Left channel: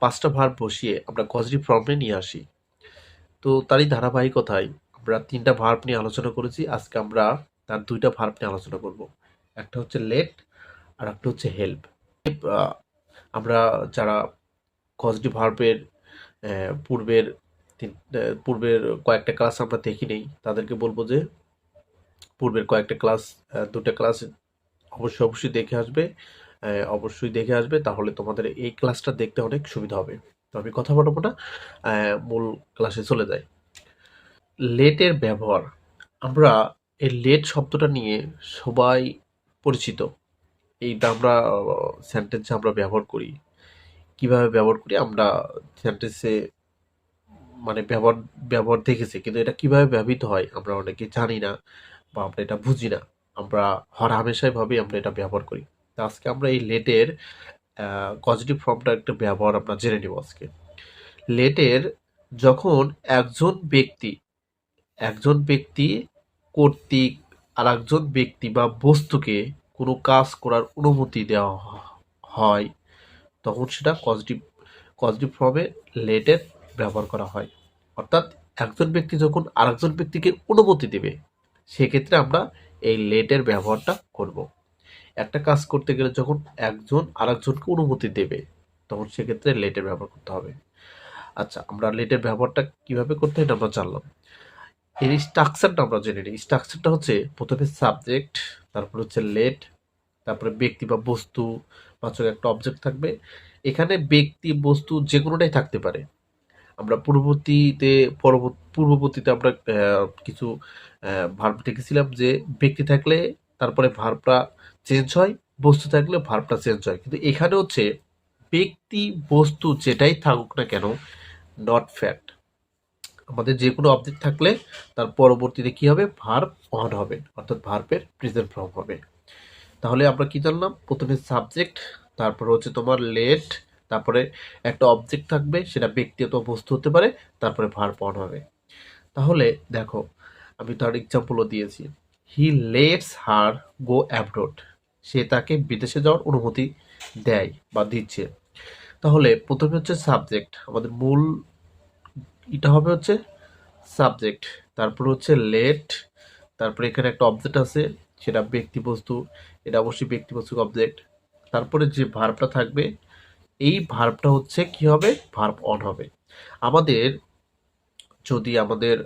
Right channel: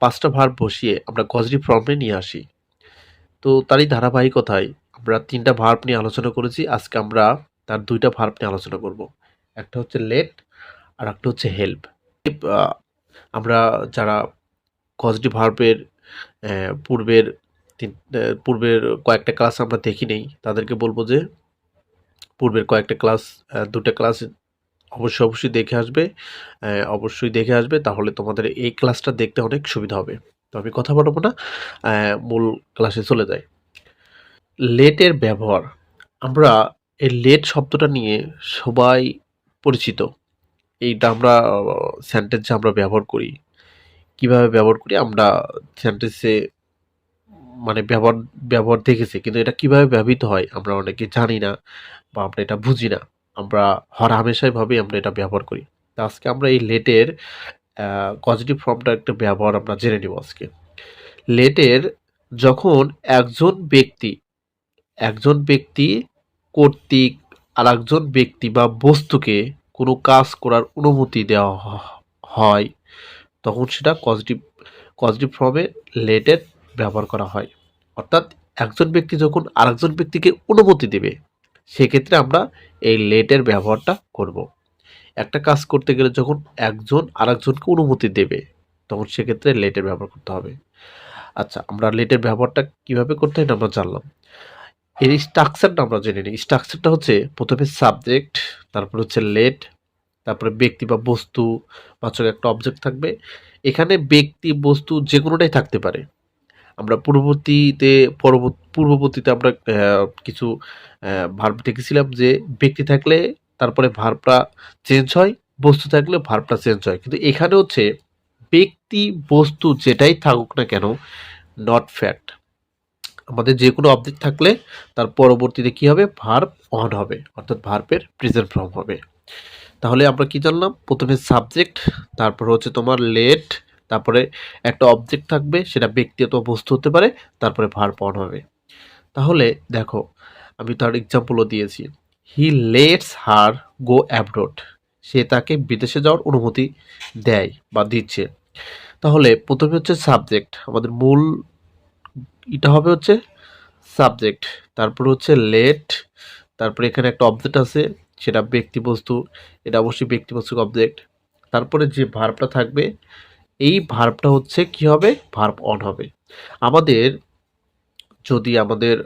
5টা ভার্ব বসিয়ে আমরা কজেটিভ ফর্মে নিয়ে আসি। তো তারই ধারাবাহিকতায় আমরা 3টা ভার্ব নিয়ে আলোচনা করেছি। আজকে আমরা তার 2টা ভার্ব নিয়ে আলোচনা করব। একটা হচ্ছে লেট আর একটা হচ্ছে হেল্প। আ আমরা যারা কজেটিভ ভার্বের পূর্বের পূর্বের কয়েকটা ক্লাস আমরা দেখি নেই, তাদেরকে বলব যে পূর্বের কয়েকটা ক্লাস 2টা ক্লাস অবশ্যই দেখে আসবে। অবশ্যই দেখে আসবে, তাহলে তোমাদের এই ক্লাসটা দেখতে অনেক সুবিধা হবে। তো আমি কথা বাড়াবো না, মূল ক্লাসে চলে যাই। লেটের ব্যবহার। আমরা এই লেট শব্দটা নিয়ে সবাই পরিচিত। এইটা আমরা সেন্টেন্সে আমরা ব্যবহার করি। কিভাবে ব্যবহার করি আমরা সেন্টেন্সে, মানে ব্যবহার দেখেছি, কিন্তু এটা কিভাবে ব্যবহৃত হয় আমরা অনেকে জানি না বা আমরা এটা বুঝি না। আমরা হরহামেশাই ভাবেই আমরা এটা ব্যবহার করি। তো আজকে আমরা এই লেটের পজিটিভ ফর্মটা একটা ব্যবহার আমরা জেনে নিব আজকে। লেটের যখন একজন ব্যক্তি একজন ব্যক্তি কর্তৃক আরেকজন ব্যক্তি বা বস্তুকে কোনো কাজ করার অনুমতি দেওয়া হয়, তখন সেটা পজিটিভ ফর্মে লেটের ব্যবহার করা হয়। অর্থাৎ একজন ব্যক্তি যখন আরেকজন ব্যক্তিকে অনুমতি দেবে, সেক্ষেত্রে আমরা এই লেটের ব্যবহারটা করব। একটা কাজ করতে গেলে যখন একজন আরেকজনকে অনুমতি দেবে, তখন সেক্ষেত্রে লেটের ব্যবহার করতে হবে। আচ্ছা, আমরা লেটের ব্যবহারটা কিভাবে করতে হয় এটা আমরা জানলাম। এর স্ট্রাকচারটা আমরা জেনে নিই। স্ট্রাকচারটা হচ্ছে প্রথমে সাবজেক্ট, তারপর হচ্ছে লেট, তারপরে ব্যক্তি বা বস্তু বাচক একটা অবজেক্ট থাকবে। এখানে ব্যক্তি বস্তু যে কোনোটাই থাকতে পারে। আমরা পূর্ববর্তীতে আমরা কিছু ভার্ব দেখেছিলাম যে ব্যক্তি থাকলে তারপরে ভার্বটা চেঞ্জ হয়, বস্তু থাকলে ভার্বটা চেঞ্জ হয়। কিন্তু এখানে হচ্ছে ব্যক্তি বস্তু যেটাই থাকুক না কেন, নট ফ্যাক্ট, আমাদের যে কোনো অবজেক্ট থাকলে তার পরবর্তীতে কি হবে, ভার্ব অন হবে, অর্থাৎ ভার্বের প্রেজেন্ট ফর্ম হবে। তাহলে আমরা কি জানলাম, প্রথমে সাবজেক্ট, তারপর হচ্ছে তোমার লেট, তারপরে একটা অবজেক্ট থাকবে, সেটা ব্যক্তি অথবা বস্তু হতে পারে, তারপরে ভার্ব অন হবে। তাহলে দেখো, আমি তার এক্সাম্পলও দিয়েছি। হি লেটস হার গো অ্যাব্রোড, সে তাকে বিদেশে যাওয়ার অনুমতি দেয় বা দিচ্ছে। তাহলে প্রথমে হচ্ছে সাবজেক্ট, আমাদের মূল এটা হবে হচ্ছে সাবজেক্ট, তারপর হচ্ছে লেট, তারপরে এখানে একটা অবজেক্ট আছে, সেটা ব্যক্তি বস্তু, এটা অবশ্যই ব্যক্তি বস্তু অবজেক্ট। তারপরে যে ভার্বটা থাকবে, এই ভার্বটা হচ্ছে কি হবে, ভার্ব অন হবে। আমাদের যদি আমাদের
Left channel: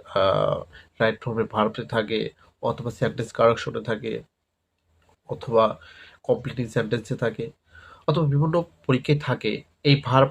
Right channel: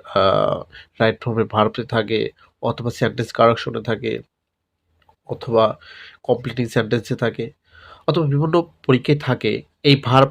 রাইট ফর্মে ভার্বে থাকে, অথবা সেন্টেন্স কারেকশনে থাকে, অথবা কমপ্লিটিং সেন্টেন্সে থাকে, অথবা বিভিন্ন পরীক্ষায় থাকে, এই ভার্ব